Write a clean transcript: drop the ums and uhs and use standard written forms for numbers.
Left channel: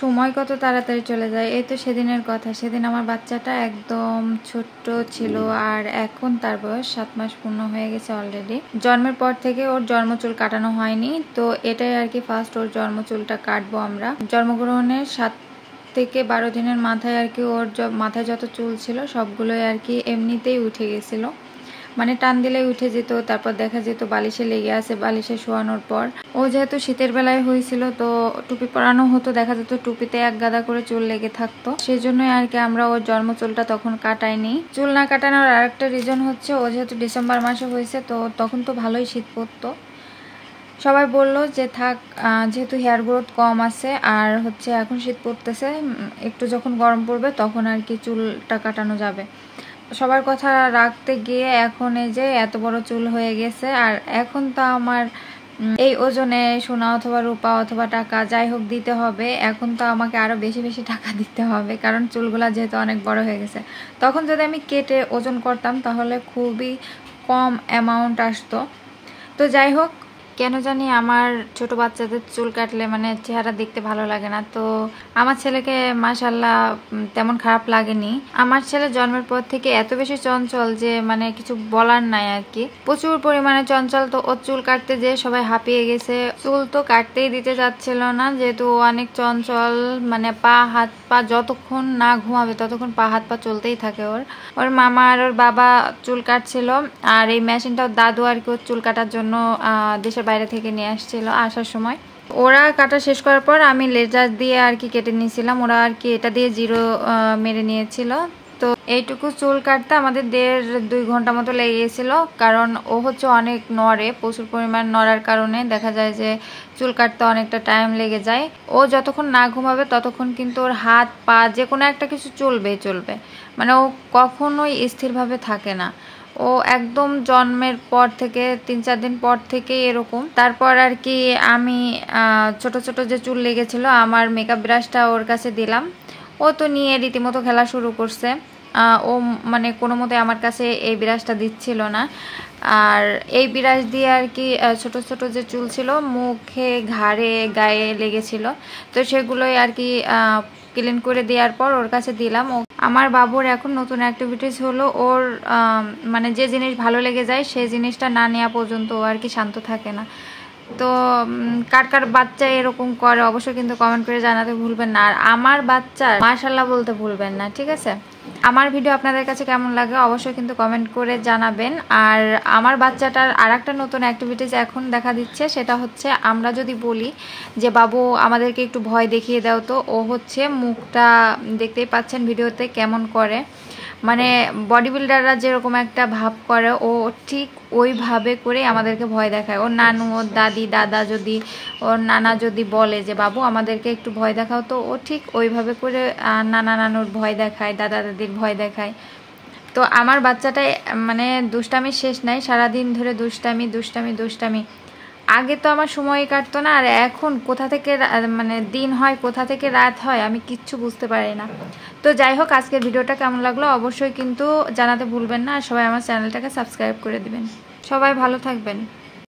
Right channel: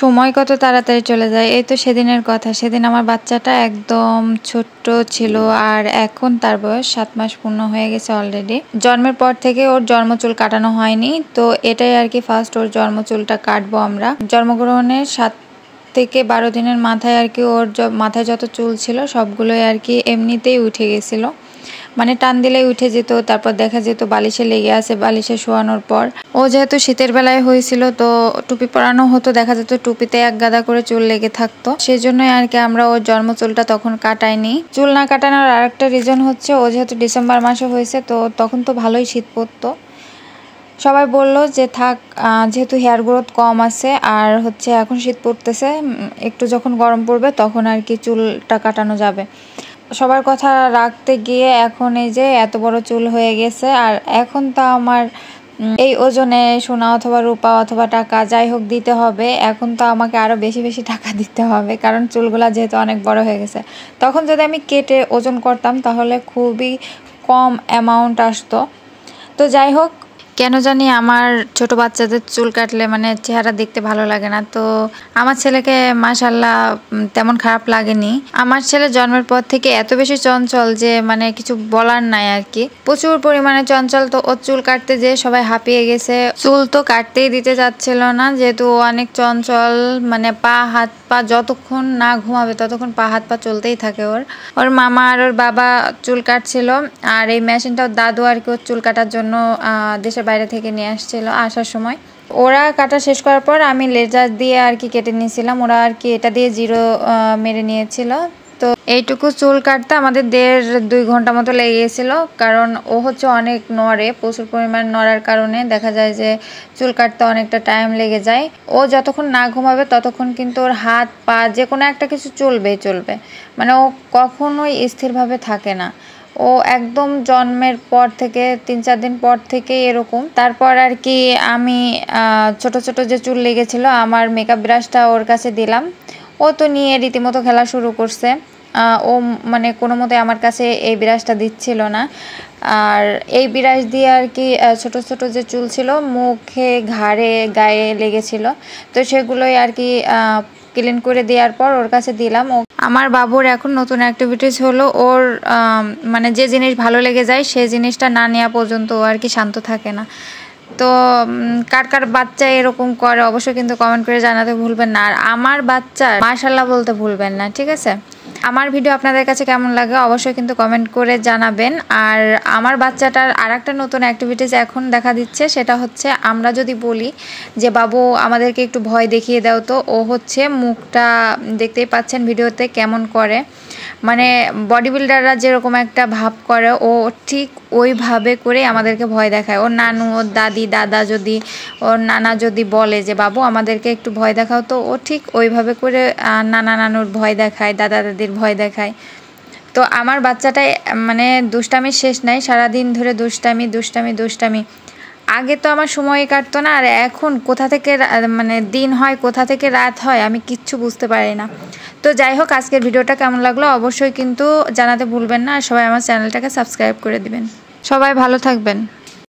সময় কত তাড়াতাড়ি চলে যায়। এই তো সেদিনের কথা, সেদিন আমার বাচ্চাটা একদম ছোট্ট ছিল আর এখন তার বয়স 7 মাস পূর্ণ হয়ে গেছে অলরেডি। জন্মের পর থেকে ওর জন্মচুল কাটানো হয়নি, তো এটাই আর কি ফার্স্ট ওর জন্মচুলটা কাটবো আমরা। জন্মগ্রহণের 7 থেকে 12 দিনের মাথায় আর কি ওর মাথায় যত চুল ছিল সবগুলোই আর কি এমনিতেই উঠে গেছিলো, মানে টান দিলেই উঠে যেত। তারপর দেখা যেত বালিশে লেগে আছে, বালিশে শোয়ানোর পর ও যেহেতু শীতের বেলায় হয়েছিল তো টুপি পরানো হতো, দেখা যেত টুপিতে এক গাদা করে চুল লেগে থাকতো। সেজন্যই আর কি আমরা ওর জন্ম চুলটা তখন কাটাইনি। চুল না কাটানোর আরেকটা রিজন হচ্ছে ও যেহেতু ডিসেম্বর মাসে হয়েছে তো তখন তো ভালোই শীত পড়তো। সবাই বললো যে থাক, যেহেতু হেয়ার গ্রোথ কম আছে আর হচ্ছে এখন শীত পড়তেছে, একটু যখন গরম পড়বে তখন আর কি চুলটা কাটানো যাবে। সবার কথা রাখতে গিয়ে এখন এই যে এত বড় চুল হয়ে গেছে। আর এখন তো আমার এই ওজনে সোনা অথবা রূপা অথবা টাকা যাই হোক দিতে হবে, এখন তো আমাকে আরও বেশি বেশি টাকা দিতে হবে, কারণ চুলগুলা যেহেতু অনেক বড় হয়ে গেছে। তখন যদি আমি কেটে ওজন করতাম তাহলে খুবই কম অ্যামাউন্ট আসতো। তো যাই হোক, কেন জানি আমার ছোট বাচ্চাদের চুল কাটলে মানে চেহারা দেখতে ভালো লাগে না। তো আমার ছেলেকে মাশাআল্লাহ তেমন খারাপ লাগেনি। আমার ছেলে জন্মের পর থেকে এত বেশি চঞ্চল যে মানে কিছু বলার নাই আর কি, প্রচুর পরিমাণে চঞ্চল। তো ওর চুল কাটতে যেয়ে সবাই হাঁপিয়ে গেছে, চুল তো কাটতেই দিতে যাচ্ছিল না যেহেতু অনেক চঞ্চল। মানে পা হাত পা যতক্ষণ না ঘুমাবে ততক্ষণ পা হাত পা চলতেই থাকে। ওর মামা আর ওর বাবা চুল কাটছিল, আর এই মেশিনটা দাদু আর কি ওর চুল কাটার জন্য দেশের বাইরে থেকে নিয়ে আসছিল আসার সময়। ওরা কাটা শেষ করার পর আমি লেজার দিয়ে আর কি কেটে নিয়েছিলাম, ওরা আর কি এটা দিয়ে জিরো মেরে নিয়েছিল। তো এইটুকু চুল কাটতে আমাদের 1.5-2 ঘন্টা মতো লেগে গেছিলো, কারণ ও হচ্ছে অনেক নড়ে, প্রচুর পরিমাণ নড়ার কারণে দেখা যায় যে চুল কাটতে অনেকটা টাইম লেগে যায়। ও যতক্ষণ না ঘুমাবে ততক্ষণ কিন্তু ওর হাত পা যে কোনো একটা কিছু চলবে, মানে ও কখনোই স্থিরভাবে থাকে না। ও একদম জন্মের পর থেকে 3-4 দিন পর থেকে এরকম। তারপর আর কি আমি ছোট ছোট যে চুল লেগেছিল আমার মেকআপ ব্রাশটা ওর কাছে দিলাম, ও তো নিয়ে রীতিমতো খেলা শুরু করছে। ও মানে কোনো মতে আমার কাছে এই ব্রাশটা দিচ্ছিল না, আর এই ব্রাশ দিয়ে আর কি ছোট ছোট যে চুল ছিল মুখে ঘাড়ে গায়ে লেগেছিল, তো সেগুলোই আর কি ক্লিন করে দেওয়ার পর ওর কাছে দিলাম। আমার বাবুর এখন নতুন অ্যাক্টিভিটিস হলো ওর মানে যে জিনিস ভালো লেগে যায় সেই জিনিসটা না নেওয়া পর্যন্ত ও আর কি শান্ত থাকে না। তো কার কার বাচ্চা এরকম করে অবশ্যই কিন্তু কমেন্ট করে জানাতে ভুলবেন না, আর আমার বাচ্চা মাশাআল্লাহ বলতে ভুলবেন না, ঠিক আছে? আমার ভিডিও আপনাদের কাছে কেমন লাগে অবশ্যই কিন্তু কমেন্ট করে জানাবেন। আর আমার বাচ্চাটার আরেকটা নতুন অ্যাক্টিভিটিস এখন দেখা দিচ্ছে, সেটা হচ্ছে আমরা যদি বলি যে বাবু আমাদেরকে একটু ভয় দেখিয়ে দাও, তো ও হচ্ছে মুখটা দেখতেই পাচ্ছেন ভিডিওতে কেমন করে, মানে বডি বিল্ডাররা যেরকম একটা ভাব করে ও ঠিক ওইভাবে করে আমাদেরকে ভয় দেখায়। ওর নানু, ওর দাদি, দাদা যদি, ওর নানা যদি বলে যে বাবু আমাদেরকে একটু ভয় দেখাও, তো ও ঠিক ওইভাবে করে নানা নানুর ভয় দেখায়, দাদা দাদির ভয় দেখায়। তো আমার বাচ্চাটাই মানে দুষ্টামির শেষ নাই, সারাদিন ধরে দুষ্টামি দুষ্টামি দুষ্টামি। আগে তো আমার সময় কাটতো না, আর এখন কোথা থেকে মানে দিন হয় কোথা থেকে রাত হয় আমি কিচ্ছু বুঝতে পারি না। তো যাই হোক, আজকের ভিডিওটা কেমন লাগলো অবশ্যই কিন্তু জানাতে ভুলবেন না, আর সবাই আমার চ্যানেলটাকে সাবস্ক্রাইব করে দিবেন। সবাই ভালো থাকবেন।